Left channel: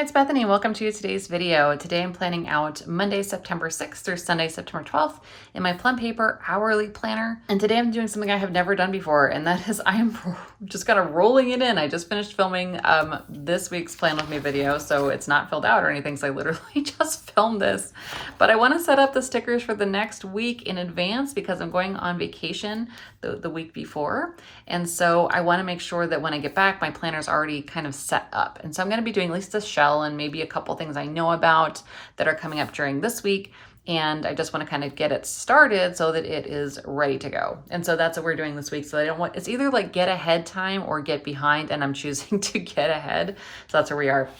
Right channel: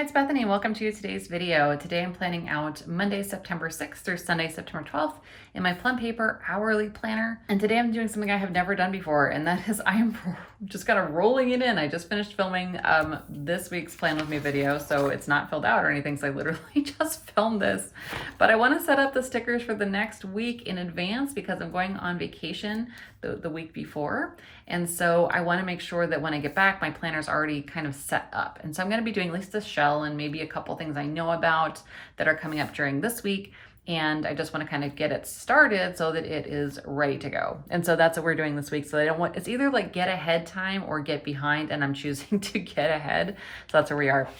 Hi, it's Bethany. Welcome to today's video. Today I'm planning out Monday, September 6th through Sunday, September 12th in my Plum Paper Hourly Planner. And today I'm doing something I have never done before, and that is I am just kind of rolling it in. I just finished filming this week's Plan With Me video, so it's not filled out or anything, so I literally just filmed this. But I want to set up the stickers for the next week in advance because I'm going on vacation the week before. And so I want to make sure that when I get back, my planner's already kind of set up. And so I'm going to be doing at least a shell and maybe a couple things I know about that are coming up during this week. And I just want to kind of get it started so that it is ready to go. And so that's what we're doing this week. So I don't want, it's either like get ahead time or get behind, and I'm choosing to get ahead. So that's where we are.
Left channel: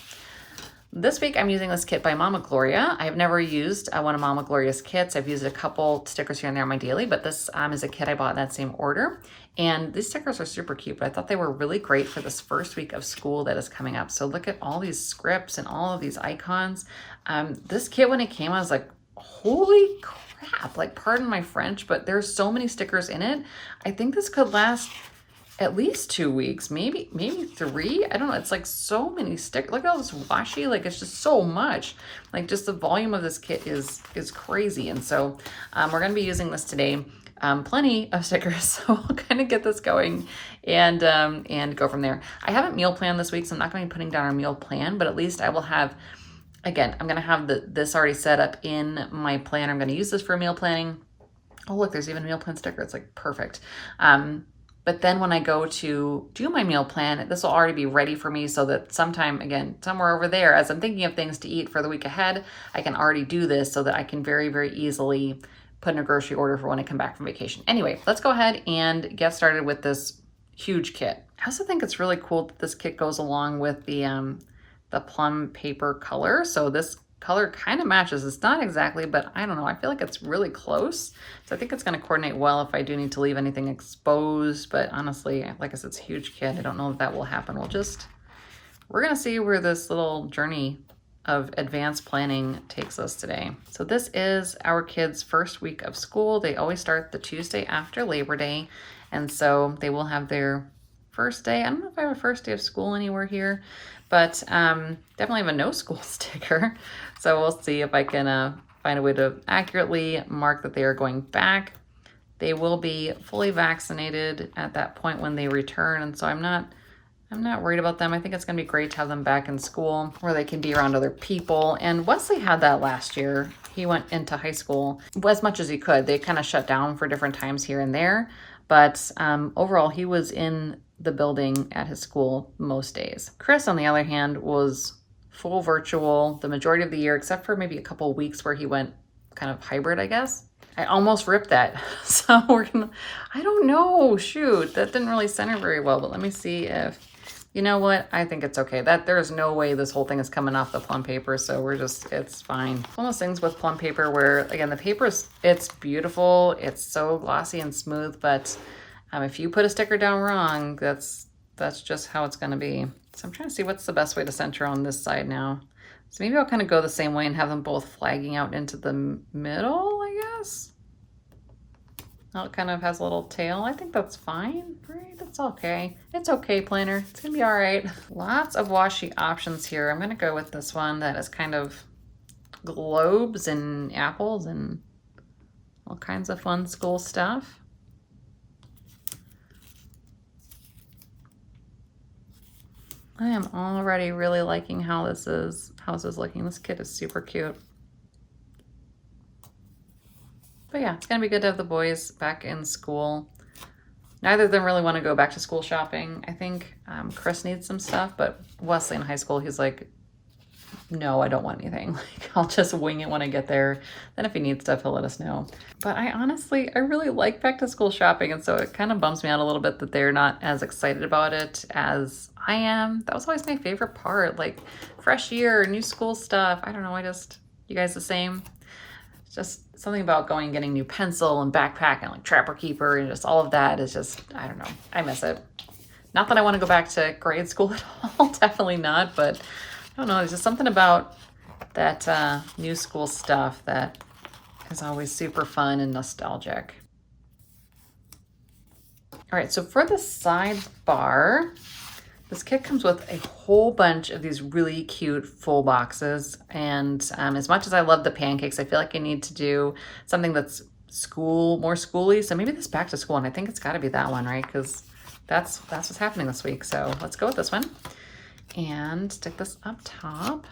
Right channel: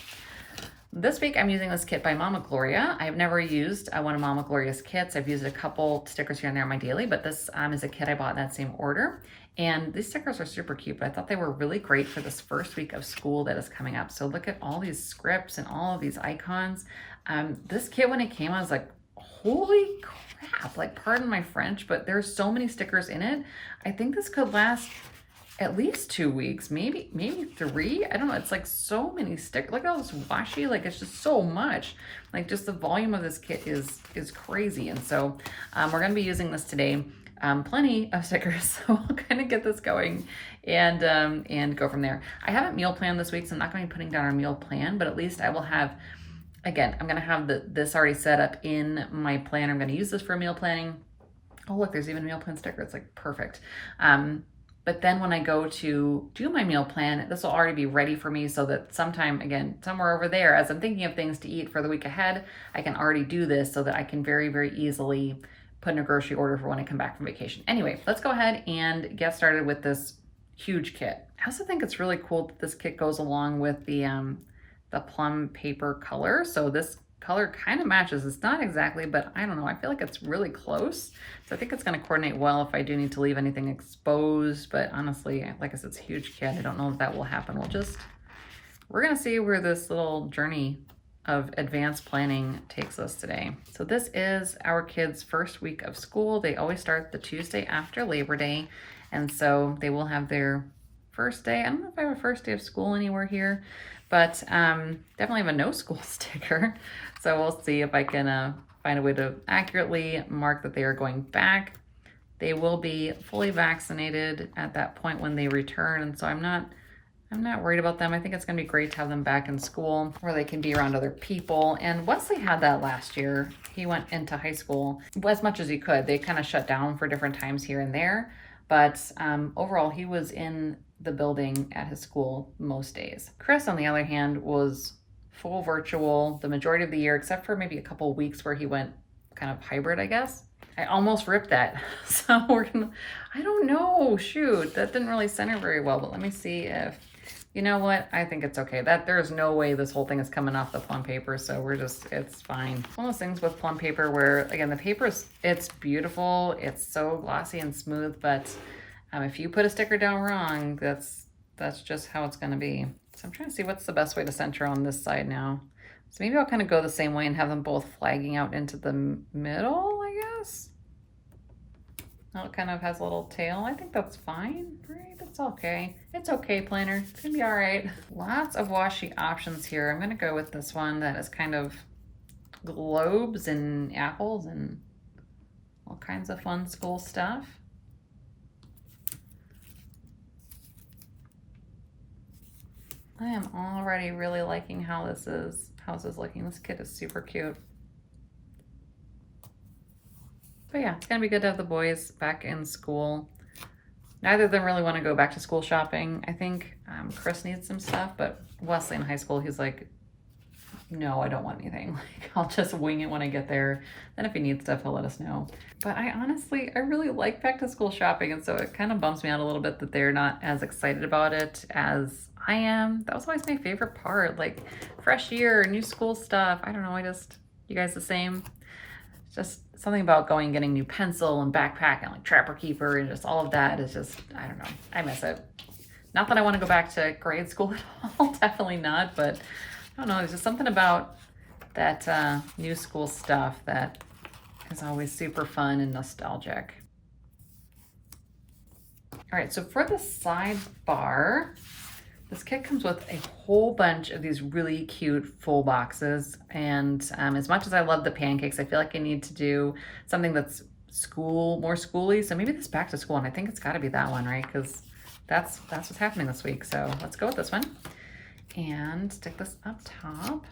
This week, I'm using this kit by Mama Gloria. I've never used one of Mama Gloria's kits. I've used a couple stickers here and there on my daily, but this is a kit I bought in that same order. And these stickers are super cute, but I thought they were really great for this first week of school that is coming up. So look at all these scripts and all of these icons. This kit, when it came, I was like, holy crap, like pardon my French, but there's so many stickers in it. I think this could last at least 2 weeks, maybe 3. I don't know. It's like so many stickers. Look at all this washi. Like it's just so much. Like just the volume of this kit is crazy. And so we're going to be using this today. Plenty of stickers, so I'll kind of get this going and go from there. I haven't meal planned this week, so I'm not going to be putting down our meal plan, but at least I will have, again, I'm going to have this already set up in my plan. I'm going to use this for meal planning. Oh, look, there's even a meal plan sticker. It's like perfect. But then when I go to do my meal plan, this will already be ready for me so that sometime, again, somewhere over there, as I'm thinking of things to eat for the week ahead, I can already do this so that I can very, very easily put in a grocery order for when I come back from vacation. Anyway, let's go ahead and get started with this huge kit. I also think it's really cool that this kit goes along with the plum paper color. So this color kind of matches. It's not exactly, but I don't know. I feel like it's really close. So I think it's going to coordinate well if I do need to leave anything exposed. But honestly, like I said, it's a huge kit. I don't know if that will happen. We're going to see where this little journey of advanced planning takes us today. So this is our kids' first week of school. They always start the Tuesday after Labor Day. And so they will have their first day. I don't know if I have a first day of school anywhere here, but definitely have a no school sticker. So we'll see if I can find a way to accurately mark that they are going back. They will be fully vaccinated at that point when they return. And so I'm not worried about them. I think it's going to be great to have them back in school where they can be around other people. And Wesley had that last year. He went into high school as much as he could. They kind of shut down for different times here and there. But overall, he was in the building at his school most days. Chris, on the other hand, was full virtual the majority of the year, except for maybe a couple of weeks where he went kind of hybrid, I guess. I almost ripped that. So I don't know, shoot, that didn't really center very well, but let me see if, you know what? I think it's okay. There's no way this whole thing is coming off the plum paper, so it's fine. One of those things with plum paper where, again, the paper it's beautiful. It's so glossy and smooth, but if you put a sticker down wrong, that's just how it's going to be. So I'm trying to see what's the best way to center on this side now. So maybe I'll kind of go the same way and have them both flagging out into the middle, I guess. Now it kind of has a little tail. I think that's fine, right? It's okay. It's okay, planner. It's gonna be all right. Lots of washi options here. I'm gonna go with this one that is kind of globes and apples and all kinds of fun school stuff. I am already really liking how this is looking. This kit is super cute. But yeah, it's gonna be good to have the boys back in school. Neither of them really want to go back to school shopping. I think Chris needs some stuff, but Wesley in high school, he's like, no, I don't want anything. Like, I'll just wing it when I get there. Then if he needs stuff, he'll let us know. But I really like back to school shopping. And so it kind of bums me out a little bit that they're not as excited about it as I am. That was always my favorite part, like fresh year, new school stuff. I don't know, you guys the same? It's just something about going and getting new pencil and backpack and like Trapper Keeper and just all of that is just, I don't know, I miss it. Not that I want to go back to grade school at all, definitely not, but I don't know, there's just something about that new school stuff that is always super fun and nostalgic. All right, so for the sidebar, This kit comes with a whole bunch of these really cute full boxes. And as much as I love the pancakes, I feel like I need to do something that's more schooly. So maybe this back to school, and I think it's gotta be that one, right? Because that's what's happening this week. So let's go with this one and stick this up top.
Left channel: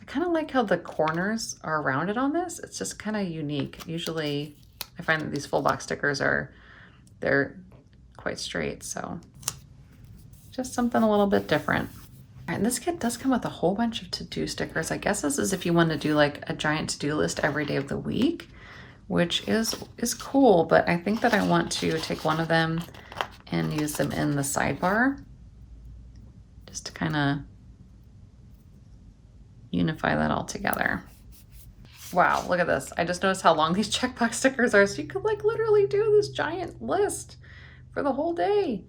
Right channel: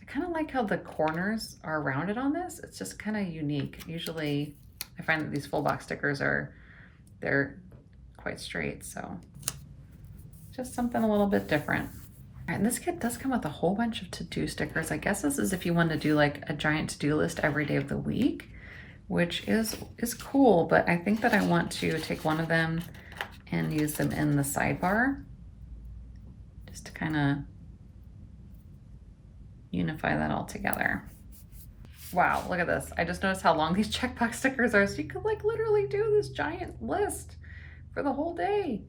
I kind of like how the corners are rounded on this. It's just kind of unique. Usually I find that these full box stickers they're quite straight. So just something a little bit different. All right, and this kit does come with a whole bunch of to-do stickers. I guess this is if you want to do like a giant to-do list every day of the week, which is cool, but I think that I want to take one of them and use them in the sidebar just to kind of unify that all together. Wow, look at this. I just noticed how long these checkbox stickers are. So you could like literally do this giant list for the whole day.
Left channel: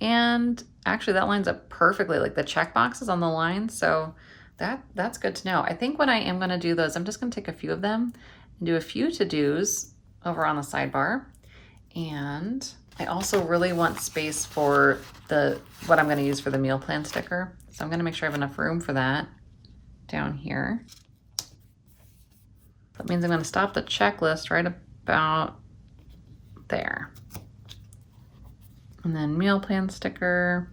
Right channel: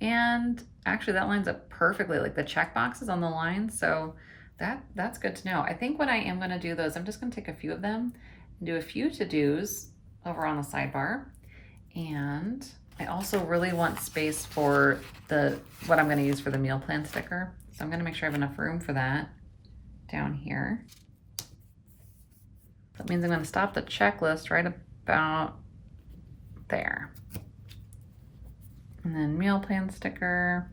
And actually that lines up perfectly, like the check boxes on the line. So that's good to know. I think what I am gonna do though is I'm just gonna take a few of them and do a few to-dos over on the sidebar. And I also really want space for what I'm gonna use for the meal plan sticker. So I'm gonna make sure I have enough room for that down here. That means I'm gonna stop the checklist right about there. And then meal plan sticker.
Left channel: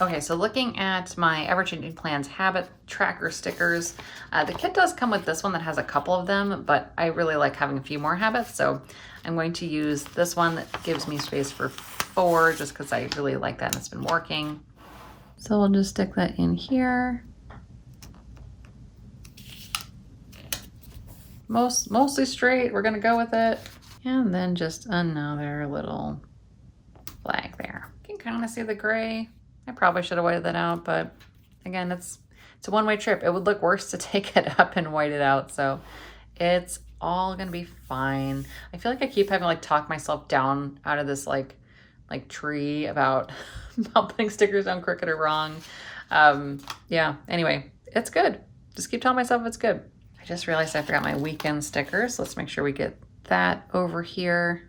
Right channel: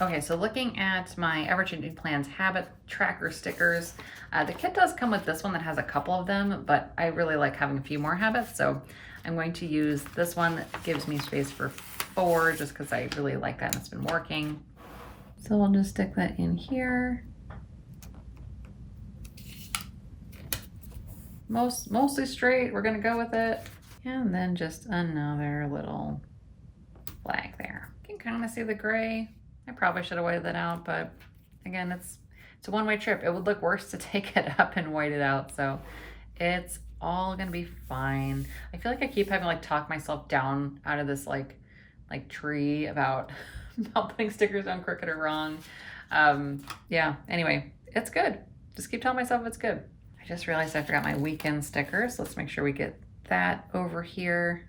Okay, so looking at my Ever-Changing Plans habit tracker stickers, the kit does come with this one that has a couple of them, but I really like having a few more habits. So I'm going to use this one that gives me space for 4 just because I really like that and it's been working. So we'll just stick that in here. Mostly straight, we're gonna go with it. And then just another little flag there. You can kind of see the gray. I probably should have whited that out, but again, it's a one-way trip. It would look worse to take it up and white it out, so it's all gonna be fine. I feel like I keep having to like talk myself down out of this like tree about putting stickers down crooked or wrong. Yeah, anyway, it's good. Just keep telling myself it's good. I just realized I forgot my weekend stickers. Let's make sure we get that over here.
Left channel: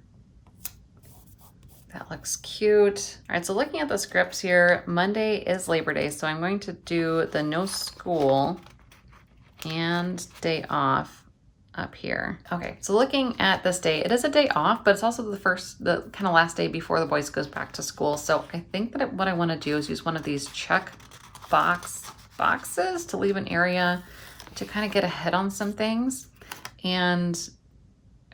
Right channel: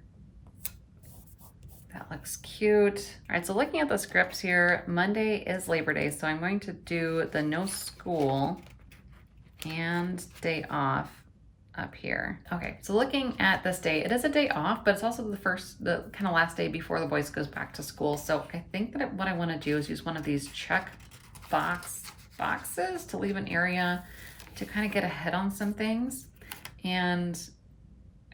That looks cute. All right, so looking at the scripts here, Monday is Labor Day, so I'm going to do the no school and day off up here. Okay, so looking at this day, it is a day off, but it's also the kind of last day before the boys goes back to school. So I think that what I want to do is use one of these check boxes to leave an area to kind of get ahead on some things. And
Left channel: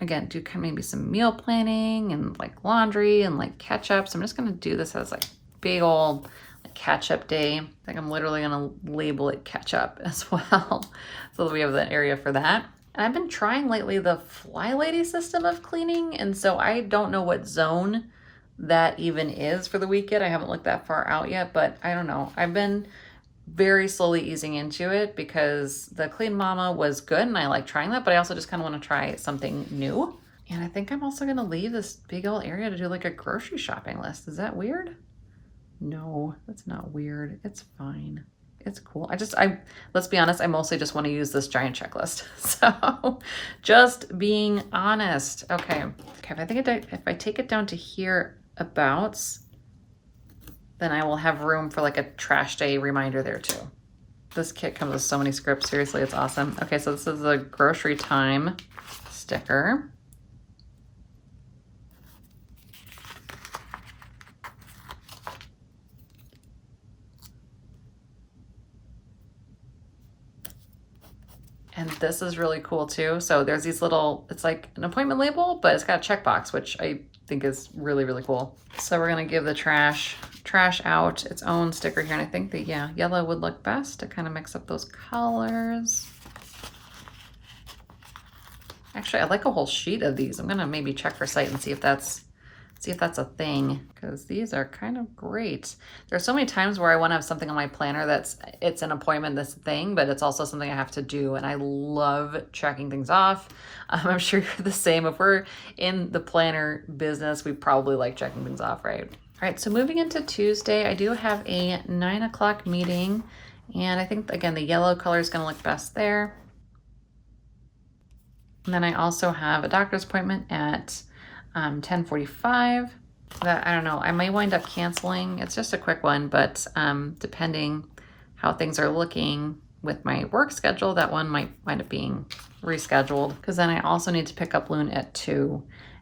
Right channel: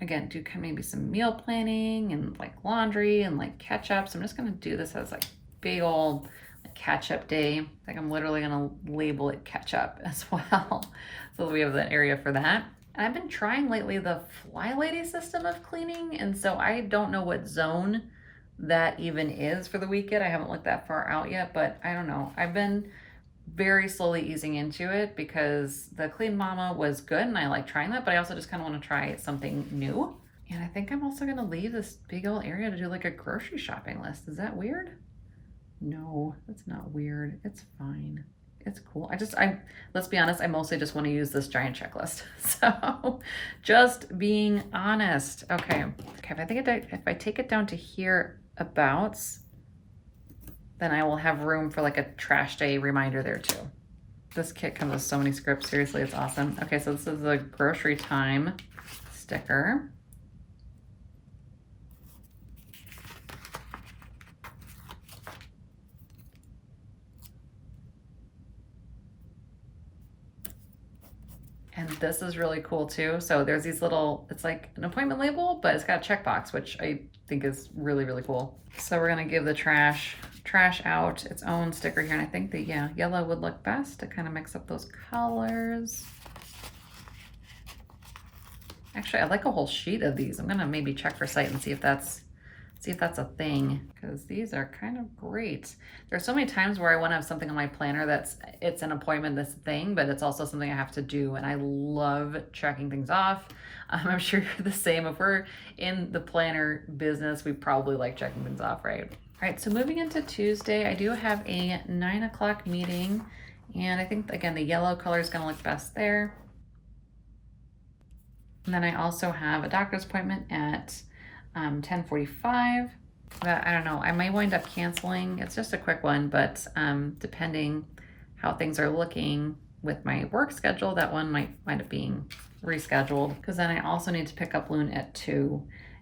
again, do maybe some meal planning and like laundry and like catch up. So I'm just gonna do this as like big old like catch up day. I think I'm literally gonna label it catch up as well. So that we have that area for that. And I've been trying lately the Fly Lady system of cleaning. And so I don't know what zone that even is for the weekend. I haven't looked that far out yet, but I don't know. I've been very slowly easing into it because the Clean Mama was good and I like trying that, but I also just kind of want to try something new. And I think I'm also going to leave this big old area to do like a grocery shopping list. Is that weird? No, that's not weird. It's fine. It's cool. Let's be honest, I mostly just want to use this giant checklist. So just being honest. Okay, if I take it down to here abouts, then I will have room for like a trash day reminder there too. This kit comes with so many scripts. Seriously, it's awesome. Okay, so this is the grocery time sticker. And this is really cool too. So there's these it's like an appointment label, but it's got a checkbox, which I think is really, really cool. So we're gonna give the trash out its own sticker here. And I think that, yeah, yellow would look best to kind of mix up those colors. Actually, I like a whole sheet of these. I'm gonna maybe check her site and see if that's a thing, because these are kind of great. There's so many times where I want to have something on my planner it's an appointment, this thing, but it's also something I have to do, and I love checking things off. I'm sure you're the same. If we're in the planner business, we probably like checking things off, right? All right, so moving into Tuesday, I do have a 9 o'clock meeting, and I think, again, the yellow color is going to look best there. And then I also have a doctor's appointment at 10:45. that, I don't know, I may wind up canceling. It's just a quick one, but depending how things are looking with my work schedule, that one might wind up being rescheduled, because then I also need to pick up Loon at 2.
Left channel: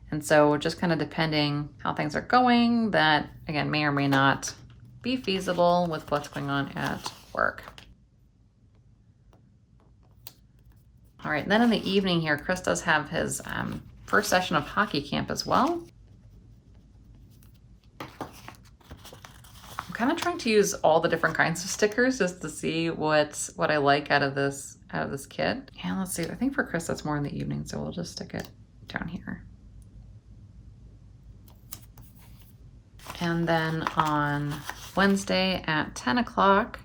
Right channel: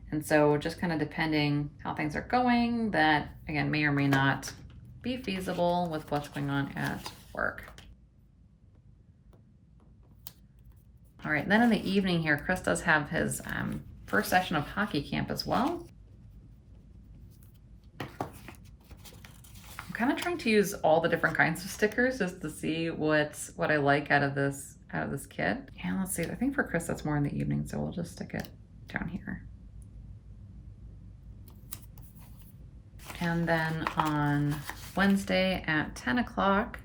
And so just kind of depending how things are going, that again may or may not be feasible with what's going on at work. All right, then in the evening here, Chris does have his first session of hockey camp as well. I'm kind of trying to use all the different kinds of stickers just to see what I like out of this kit. And let's see, I think for Chris that's more in the evening, so we'll just stick it down here. And then on Wednesday at 10 o'clock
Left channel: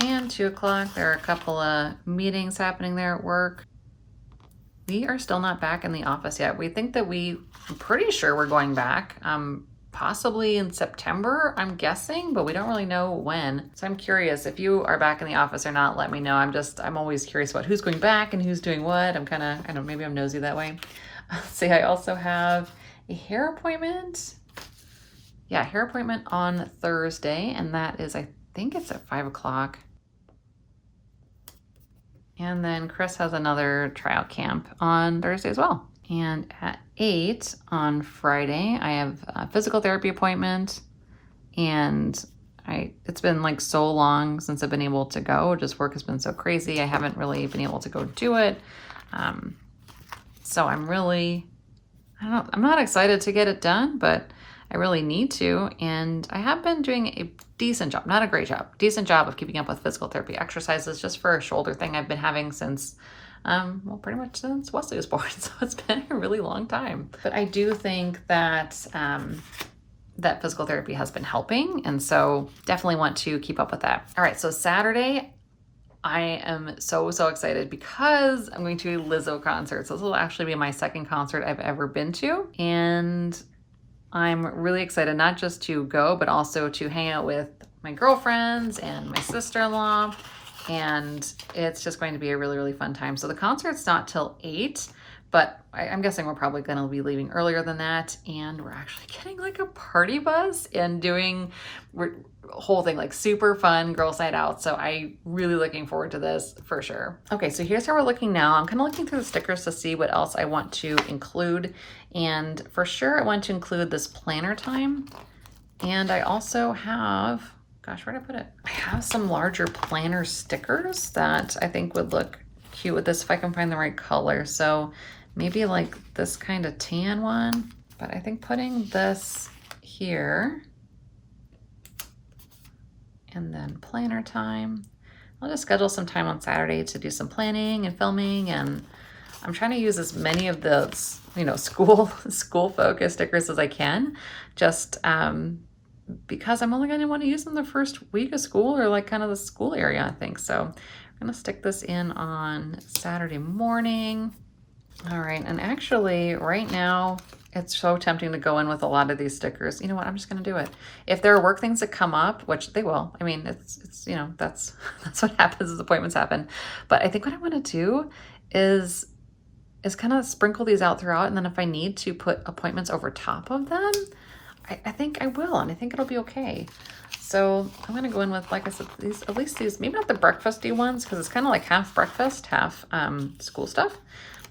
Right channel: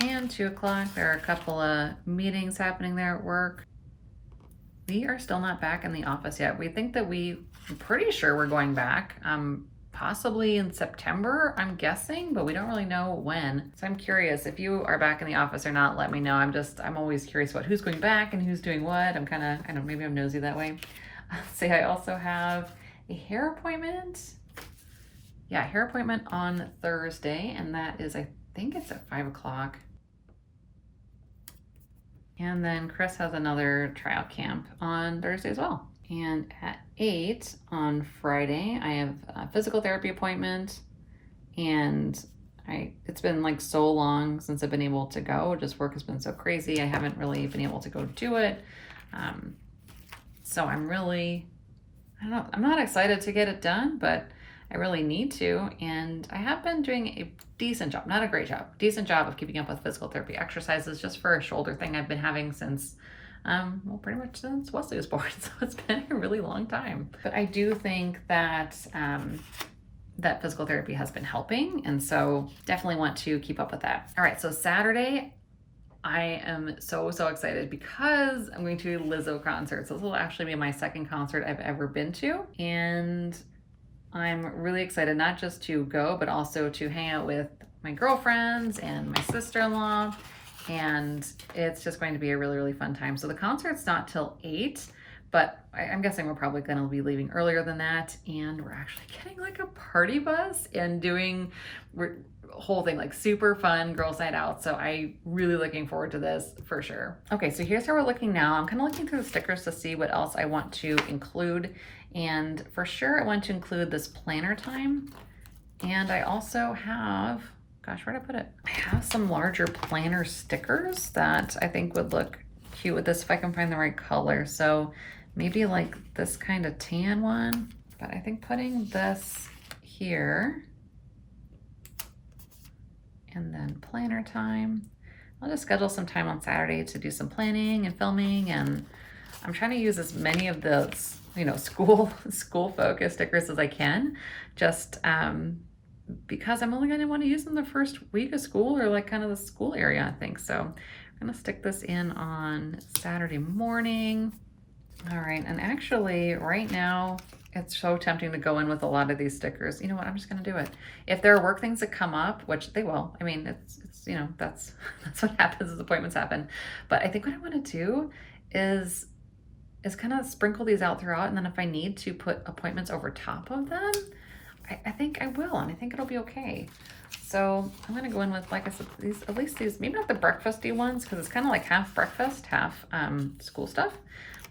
and 2 o'clock, there are a couple of meetings happening there at work. We are still not back in the office yet. We think that I'm pretty sure we're going back, possibly in September, I'm guessing, but we don't really know when. So I'm curious if you are back in the office or not, let me know. I'm always curious about who's going back and who's doing what. I don't know, maybe I'm nosy that way. See, I also have a hair appointment. Yeah, hair appointment on Thursday, and that is, I think it's at 5 o'clock. And then Chris has another tryout camp on Thursday as well. And at 8 on Friday, I have a physical therapy appointment. And it's been like so long since I've been able to go. Just work has been so crazy. I haven't really been able to go do it. So I'm not excited to get it done, but I really need to, and I have been doing a decent job, not a great job, decent job of keeping up with physical therapy exercises just for a shoulder thing I've been having since, well, pretty much since Wesley was born, so it's been a really long time. But I do think that that physical therapy has been helping, and so definitely want to keep up with that. All right, so Saturday, I am so excited because I'm going to a Lizzo concert. So this will actually be my second concert I've ever been to, and I'm really excited not just to go, but also to hang out with my girlfriends and my sister-in-law, and it's just going to be a really fun time. So the concert's not till 8, but I'm guessing we're probably going to be leaving earlier than that, and we're actually getting like a party bus and doing whole thing, like super fun girls night out. So I'm really looking forward to this for sure. Okay, so here's how we're looking now. I'm kind of looking through the stickers to see what else I want to include. And for sure I want to include this planner time. And I also have, gosh, where did I put it? I have some larger planner stickers that I think would look cute with this if I can find the right color. So maybe like this kind of tan one, but I think putting this here and then planner time. I'll just schedule some time on Saturday to do some planning and filming, and I'm trying to use as many of those, school focused stickers as I can, just because I'm only going to want to use them the first week of school, or like kind of the school area, I think. So I'm going to stick this in on Saturday morning. All right, and actually right now, it's so tempting to go in with a lot of these stickers. You know what? I'm just going to do it. If there are work things that come up, which they will. I mean, it's that's what happens as appointments happen. But I think what I want to do is kind of sprinkle these out throughout, and then if I need to put appointments over top of them, I think I will, and I think it'll be okay. So I'm going to go in with, like I said, at least these, maybe not the breakfasty ones, because it's kind of like half breakfast, half school stuff.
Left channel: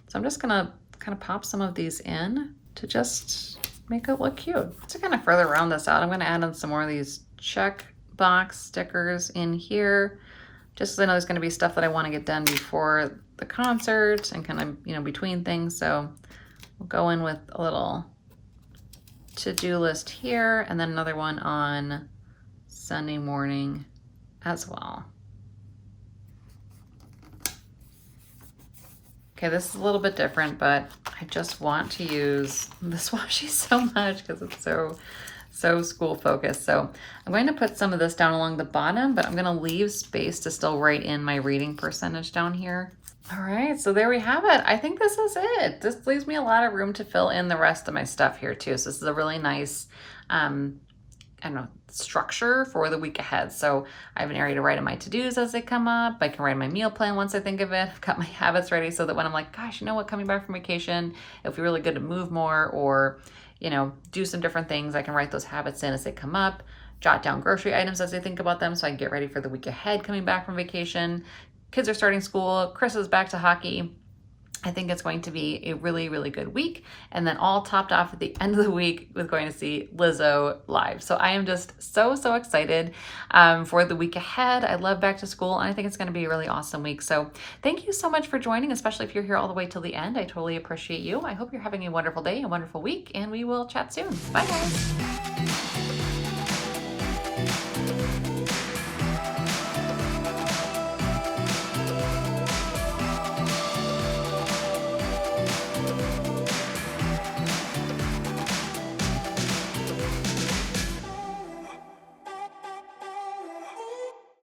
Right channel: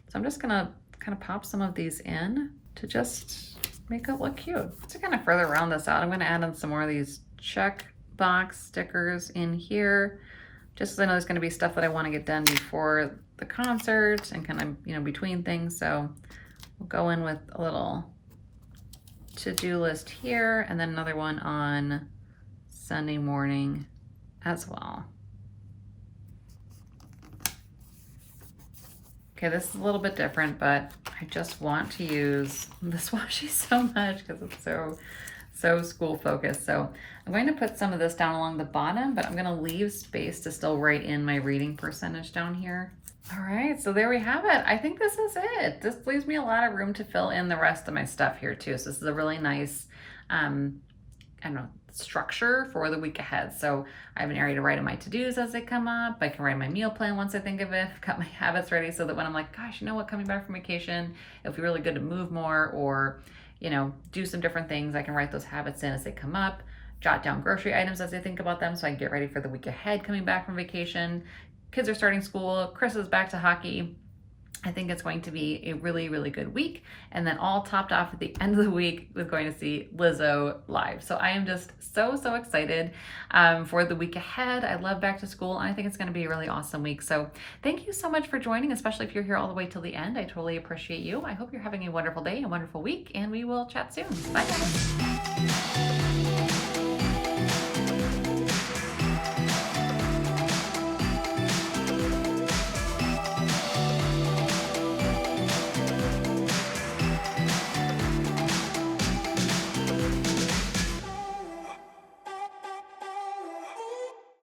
So I'm just going to kind of pop some of these in to just make it look cute. To kind of further round this out, I'm going to add in some more of these check box stickers in here, just because I know there's going to be stuff that I want to get done before the concert and kind of, between things. So we'll go in with a little to-do list here, and then another one on Sunday morning as well. Okay, this is a little bit different, but I just want to use this washi so much because it's so school focused. So I'm going to put some of this down along the bottom, but I'm going to leave space to still write in my reading percentage down here. All right, so there we have it. I think this is it. This leaves me a lot of room to fill in the rest of my stuff here too. So this is a really nice, structure for the week ahead. So I have an area to write in my to-dos as they come up. I can write my meal plan once I think of it. I've got my habits ready so that when I'm like, gosh, you know what, coming back from vacation, it'll be really good to move more, or do some different things. I can write those habits in as they come up, jot down grocery items as I think about them so I can get ready for the week ahead coming back from vacation. Kids are starting school, Chris is back to hockey. I think it's going to be a really, really good week. And then all topped off at the end of the week with going to see Lizzo live. So I am just so excited for the week ahead. I love back to school, and I think it's going to be a really awesome week. So thank you so much for joining, especially if you're here all the way till the end. I totally appreciate you. I hope you're having a wonderful day, a wonderful week, and we will chat soon. Bye, guys.